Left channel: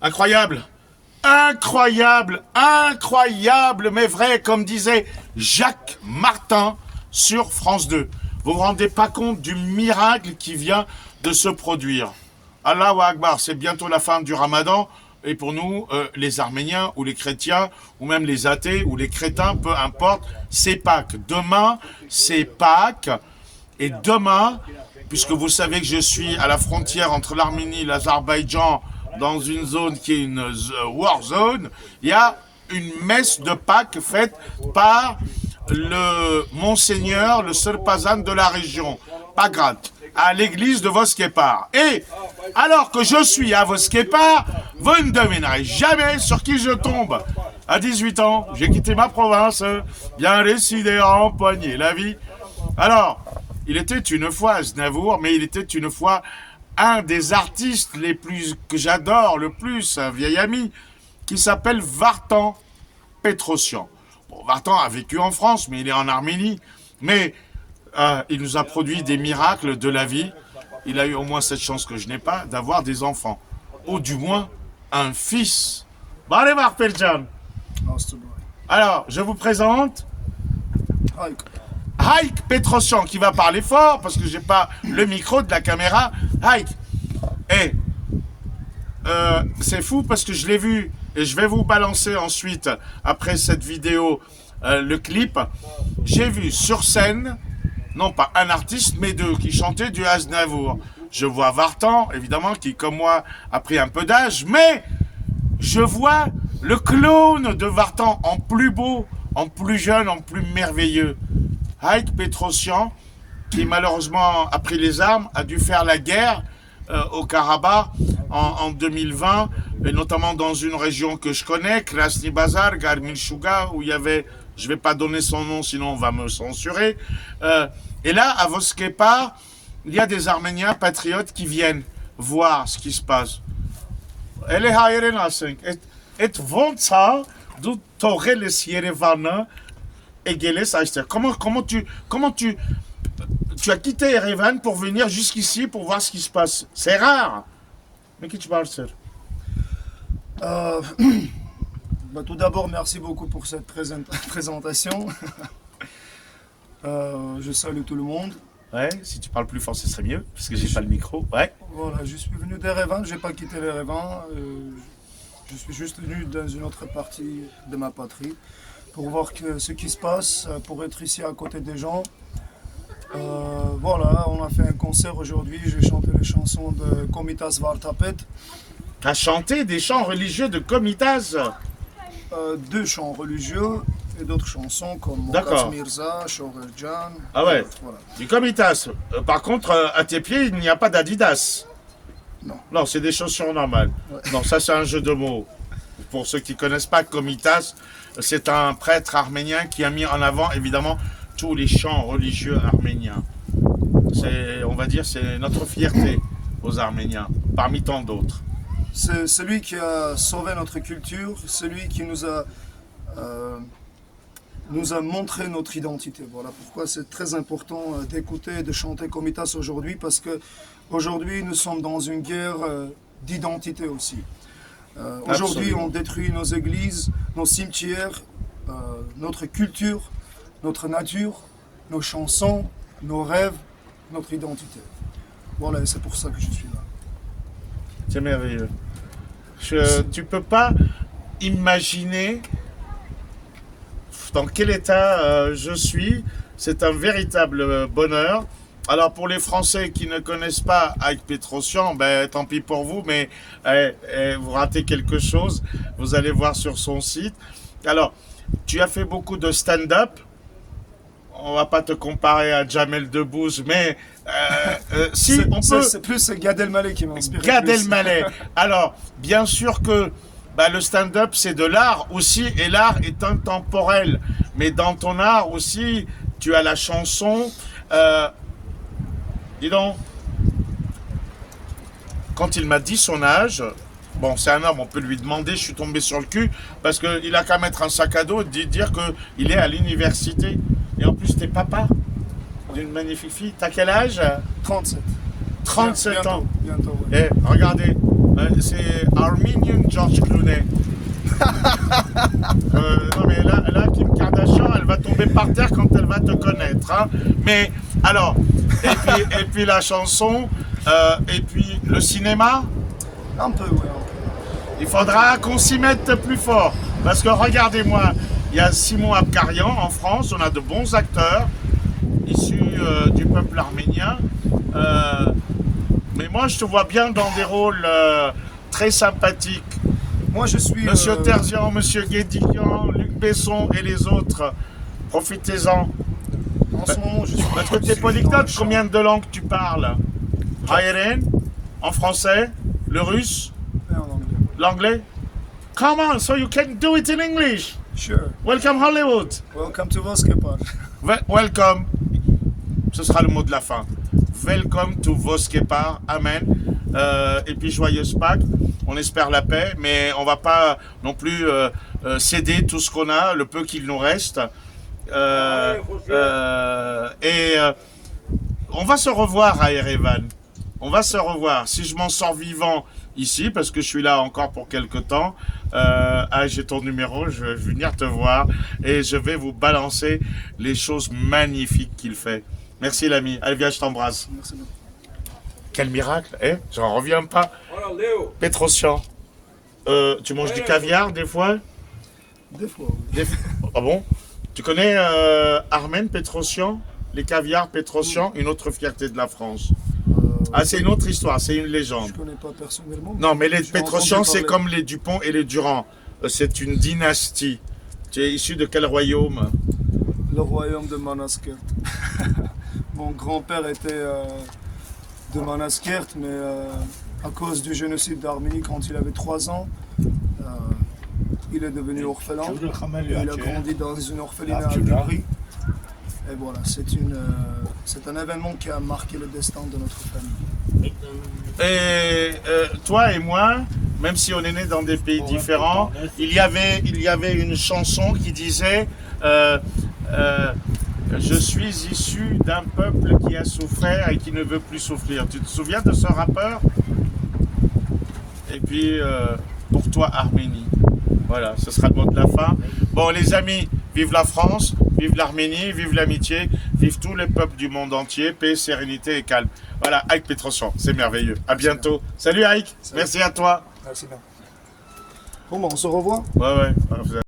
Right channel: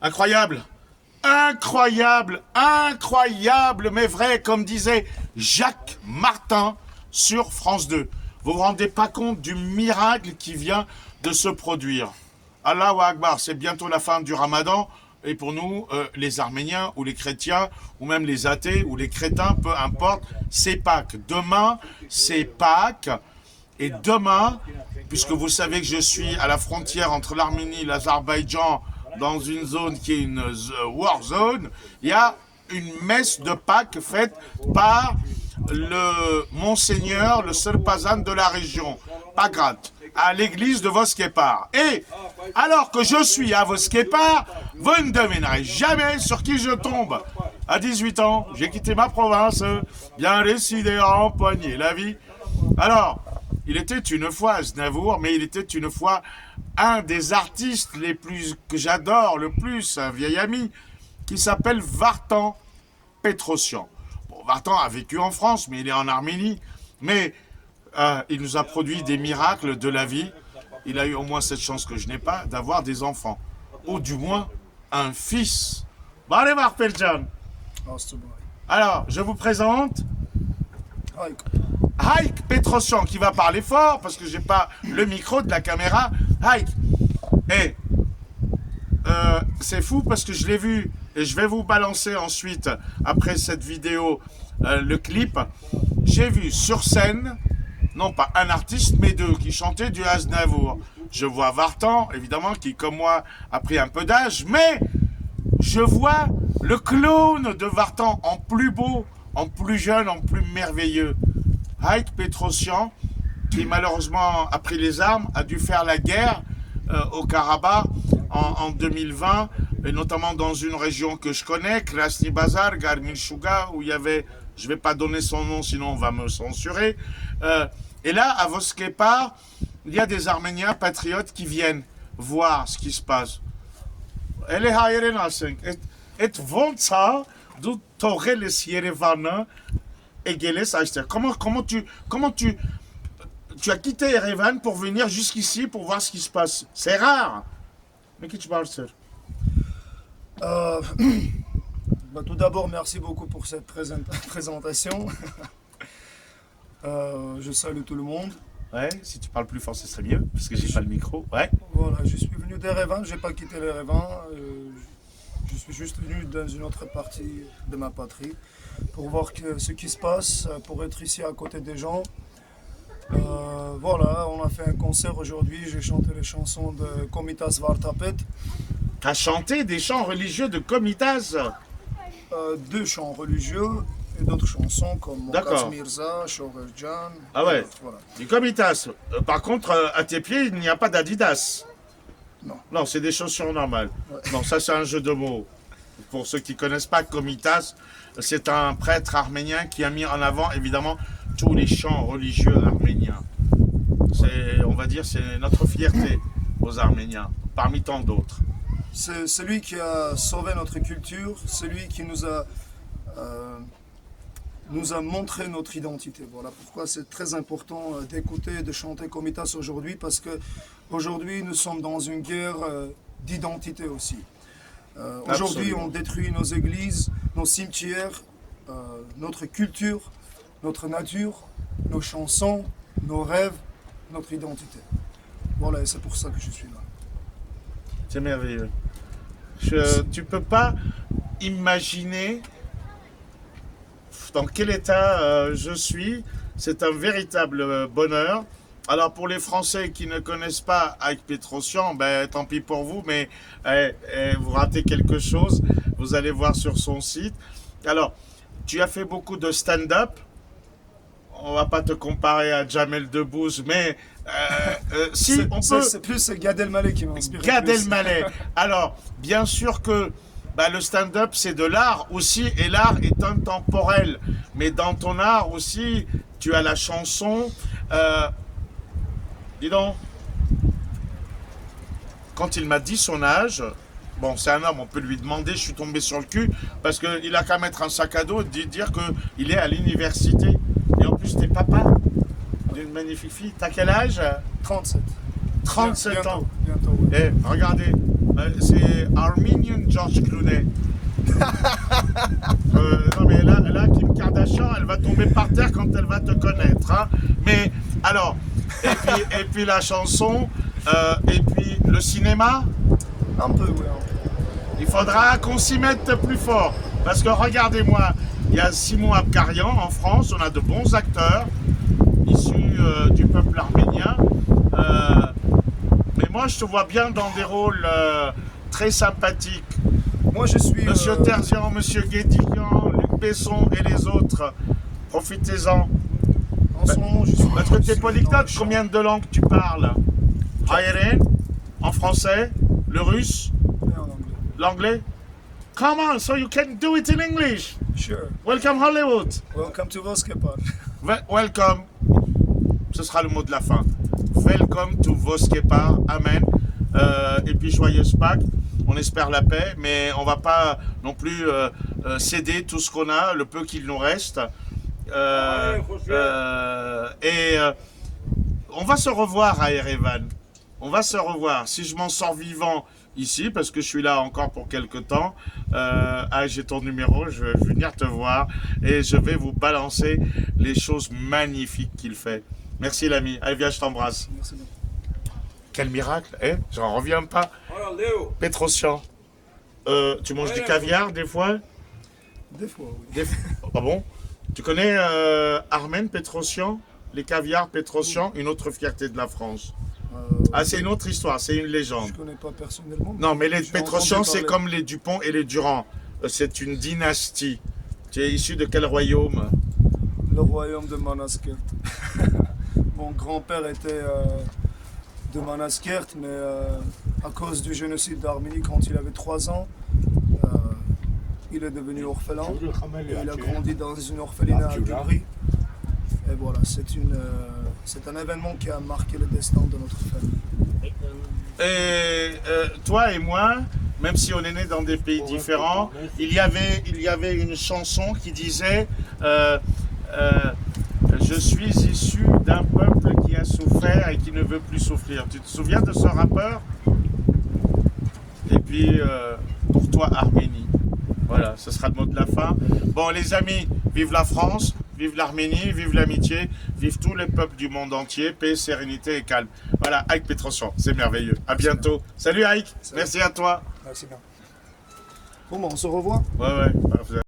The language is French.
Incroyable, incroyable, incroyable, mais vrai, comme disait Jacques Martin sur France 2. Vous vous rendez pas compte du miracle qui vient de se produire. Allahu Akbar, c'est bientôt la fin du Ramadan. Et pour nous, les Arméniens ou les chrétiens, ou même les athées ou les crétins, peu importe, c'est Pâques. Demain, c'est Pâques. Et demain, puisque vous savez que je suis à la frontière entre l'Arménie et l'Azerbaïdjan, dans une zone qui est une war zone, il y a une messe de Pâques faite par le Monseigneur, le seul pazan de la région, Pagrat, à l'église de Voskepar. Et alors que je suis à Voskepar, vous ne devinerez jamais sur qui je tombe. À 18 ans, j'ai quitté ma province, bien décidé à empoigner la vie. Alors, il était une fois Aznavour, mais il était une fois un des artistes les plus que j'adore le plus, un vieil ami, qui s'appelle Vartan Petrosian. Bon, Vartan a vécu en France, mais il est en Arménie. Mais il nous a produit des miracles de la vie. Il a eu au moins cette chance que je n'ai pas, d'avoir des enfants. Ou du moins, un fils. Bon, allez voir, Peljan. Alors, je vous présente Haïk Petrosian, qui va parler fort, parce que j'ai pas le micro de la caméra. Haïk. Et c'est fou parce que je l'ai vu, et je vais vous balancer ensuite, après cette vidéo, le clip. J'ai vu sur scène, non pas un artiste, mais deux, qui chantaient du Aznavour. Je vois Vartan, évidemment, qui, comme moi, a pris un peu d'âge, mais je vois le clone de Vartan en plus beau, en plus jeune, en plus merveilleux. Haïk Petrosian, qui malheureusement a pris les armes, a dû faire la guerre au Karabakh en 2020, et notamment dans une région que je connais, Krasny Bazar, Garmil-Shuga, où il y avait, je ne vais pas donner son nom, sinon on va me censurer. Et là, à Voskepar, il y a des Arméniens patriotes qui viennent voir ce qui se passe. Comment tu as quitté Erevan pour venir jusqu'ici pour voir ce qui se passe? C'est rare. Mais qui tu parles, sir? Tout d'abord, merci beaucoup pour cette présentation. Je salue tout le monde. Ouais, si tu parles plus fort, ce serait mieux, parce que j'ai pas le micro. Ouais. Voilà, je suis venu d'Erevan, je n'ai pas quitté l'Erevan. Je suis juste venu dans une autre partie de ma patrie pour voir ce qui se passe, pour être ici à côté des gens. Voilà, on a fait un concert aujourd'hui, j'ai chanté les chansons de Komitas Vartapet. Tu as chanté des chants religieux de Komitas? Deux chants religieux et d'autres chansons comme Mokas Mirza, Shoverjan. Ah ouais, voilà. Du Komitas. Par contre, à tes pieds, il n'y a pas d'Adidas. Non. Non, c'est des chaussures normales. Ouais. Non, ça c'est un jeu de mots. Pour ceux qui ne connaissent pas Komitas, c'est un prêtre arménien qui a mis en avant évidemment tous les chants religieux arméniens. On va dire, c'est notre fierté aux Arméniens, parmi tant d'autres. C'est celui qui a sauvé notre culture, celui qui nous a montré notre identité. Voilà pourquoi c'est très important d'écouter et de chanter Komitas aujourd'hui, parce que aujourd'hui nous sommes dans une guerre d'identité aussi. Aujourd'hui on détruit nos églises, nos cimetières, notre culture, notre nature, nos chansons, nos rêves, notre identité. Voilà, et c'est pour ça que je suis là. C'est merveilleux. Tu peux pas imaginer dans quel état je suis. C'est un véritable bonheur. Alors pour les Français qui ne connaissent pas Haïk Petrosian, ben, tant pis pour vous, mais vous ratez quelque chose. Vous allez voir sur son site. Alors, tu as fait beaucoup de stand-up. On va pas te comparer à Jamel Debbouze, mais si on peut... C'est plus Gad Elmaleh qui m'inspire. Gad Elmaleh. Alors, bien sûr que le stand-up, c'est de l'art aussi, et l'art est intemporel. Mais dans ton art aussi, tu as la chanson. Dis donc, quand il m'a dit son âge, bon, c'est un homme, on peut lui demander, je suis tombé sur le cul, parce qu'il a qu'à mettre un sac à dos et dire qu'il est à l'université. Et en plus, t'es papa d'une magnifique fille. T'as quel âge? 37. 37 ans. Bientôt, Et regardez, c'est Armenian George Clooney. Non mais là, Kim Kardashian, elle va tomber par terre quand elle va te connaître. Hein. Mais alors, et puis la chanson, et puis le cinéma. Un peu, oui. Il faudra qu'on s'y mette plus fort. Parce que regardez-moi, il y a Simon Abkarian en France, on a de bons acteurs issus du peuple arménien. Mais moi, je te vois bien dans des rôles très sympathiques. Moi, je suis... Monsieur Terzian, Monsieur Guédiguian, Luc Besson et les autres. Profitez-en. En ce moment, je suis... Est-ce que tu es je suis dans polyglotte? le chant. Combien de langues tu parles? Haïren, en français, le russe, Et en anglais. l'anglais? Come on, so you can do it in English. Sure. Welcome Hollywood. Welcome to Voskepark. Welcome. Ce sera le mot de la fin. Welcome to Voskepar. Amen. Et puis joyeuse Pâques. On espère la paix, mais on va pas non plus céder tout ce qu'on a, le peu qu'il nous reste. On va se revoir à Erevan. On va se revoir. Si je m'en sors vivant ici, parce que je suis là encore pour quelque temps, j'ai ton numéro, je vais venir te voir et je vais vous balancer les choses magnifiques qu'il fait. Merci l'ami. Allez, viens, je t'embrasse. Merci beaucoup. Quel miracle, hein? J'en reviens pas. Petrosian, tu manges du caviar des fois? Des fois, oui. Ah bon? Tu connais Armen Petrosian? Les caviars Petrosian, une autre fierté de la France. Ah, c'est une autre histoire, c'est une légende. Je connais pas personnellement. Non, mais les Je l'ai Petrosian, entendu c'est parler. comme les Dupont et les Durand. C'est une dynastie. Tu es issu de quel royaume? Le royaume de Manaskert. Mon grand-père était de Manaskert, mais à cause du génocide d'Arménie, quand il avait 3 ans, il est devenu orphelin. Il a grandi dans une orphelinat à Givry. Et voilà, c'est un événement qui a marqué le destin de notre famille. Et toi et moi, même si on est nés dans des pays différents, il y avait une chanson qui disait je suis issu d'un peuple qui a souffert et qui ne veut plus souffrir. Tu te souviens de ce rappeur? Et puis, pour toi, Arménie. Voilà, ce sera le mot de la fin. Bon, les amis, vive la France, vive l'Arménie, vive l'amitié, vive tous les peuples du monde entier, paix, sérénité et calme. Voilà, Ike Petrosian, c'est merveilleux. À bientôt. Salut Ike, merci à toi. Merci bien. Bon, bah, on se revoit. Ouais, ouais.